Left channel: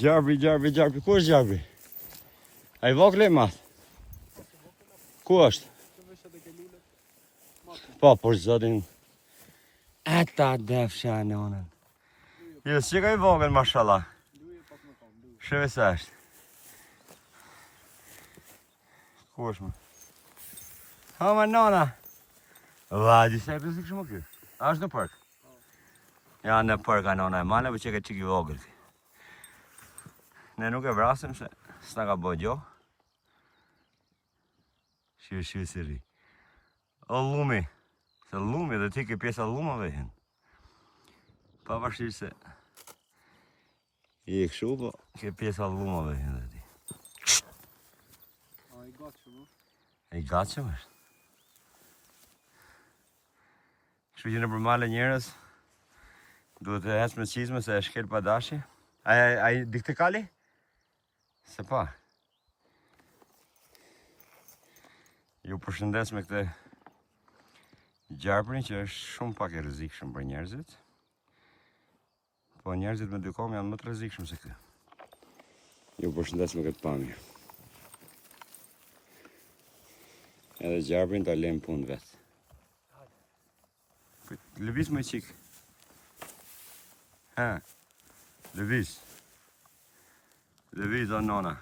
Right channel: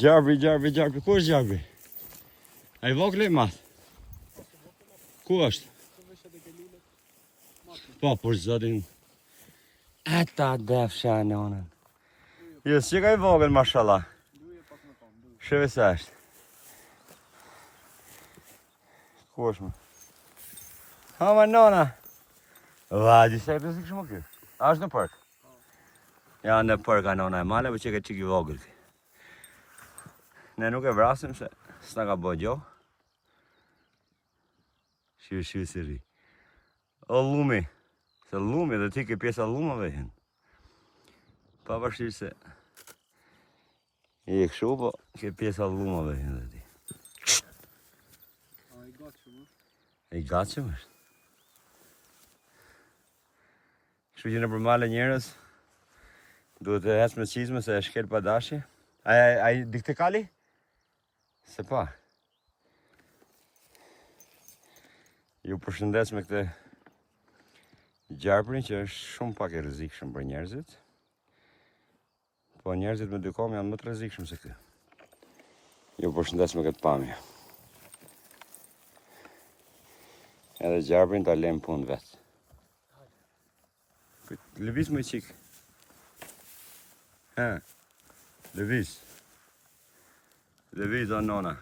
Gjarbi, ku është gjarbi? A I vogël e madh? Ku është? Po, por zotin. Ata defsha nonën. Jo, si ka I vogël, mashallah. Sheve se është. Ku është më? Ha, ma nona. Va, disa e pëzik shumë kjo. A është në park? Ja, në park a nona e male, për që ka qik I vogël. Ne nuk e vrasim se s'na ka bo gjo. Shiu si ri. O lumi. Se lumi dhe ti ke pjesa lumave hen. Pa përshirë se I këshu, po ke pjesa lumave hen dhe ti. A I gatshëm, I gatshëm është. Kështu që në përmale njerës duhet të hecë me qizme se e shkel pa dashje. A I dikte kali? Se pa. Ju përshëndes me këtë gjarprin që është shumë pak e rrezikshëm për njerëzit. Po njerëzit me dy kom janë më të rrezikshëm se këtë. Ju përshëndes me këtë pamje. Edhe gjarprin ta lem punë vetë. Lëviz më I qik. Ha. Lëviz. Lëviz o nona.